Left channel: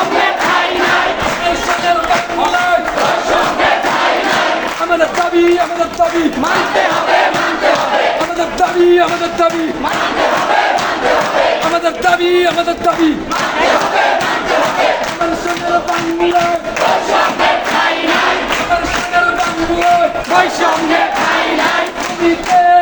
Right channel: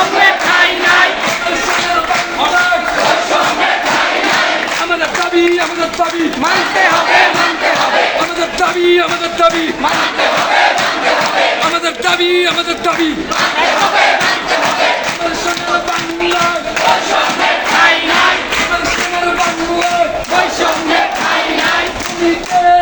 বৈষম্যের ঠাঁই নাই। আমাদের দাবি মানতে হবে মানতে হবে আমাদের দাবি মানতে হবে আমাদের দাবি আমাদের সোনার বাংলায় বৈষম্যের ঠাঁই নাই সোনার বাংলায় বৈষম্যের ঠাঁই নাই জমিতে